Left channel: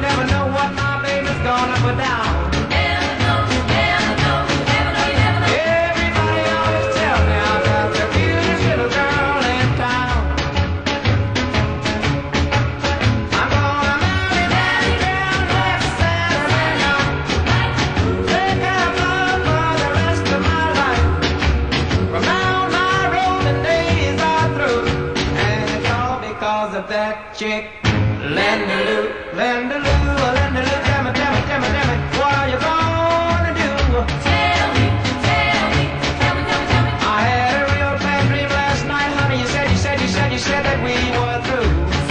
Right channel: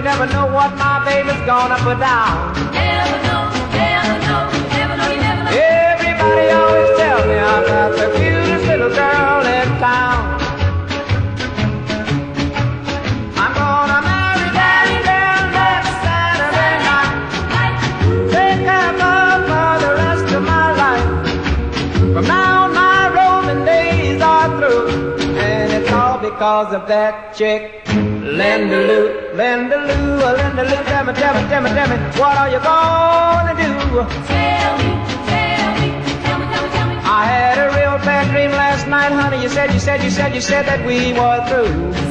you never know what my baby's gonna put down. Never know, never know, never know, you never know. Everybody always tell me about the cutest little girl in town. I'm gonna marry that girl next Saturday night. Take her love for the rest of my life. From now on my roving days are through, and it's all because of that chick. Linda Lou, Linda Lou, Linda Lou, tell me, tell me, tell me, tell me, what are you gonna do? Tell me, tell me, tell me, tell me. I had a real bad dream last night, honey. You said that we were through.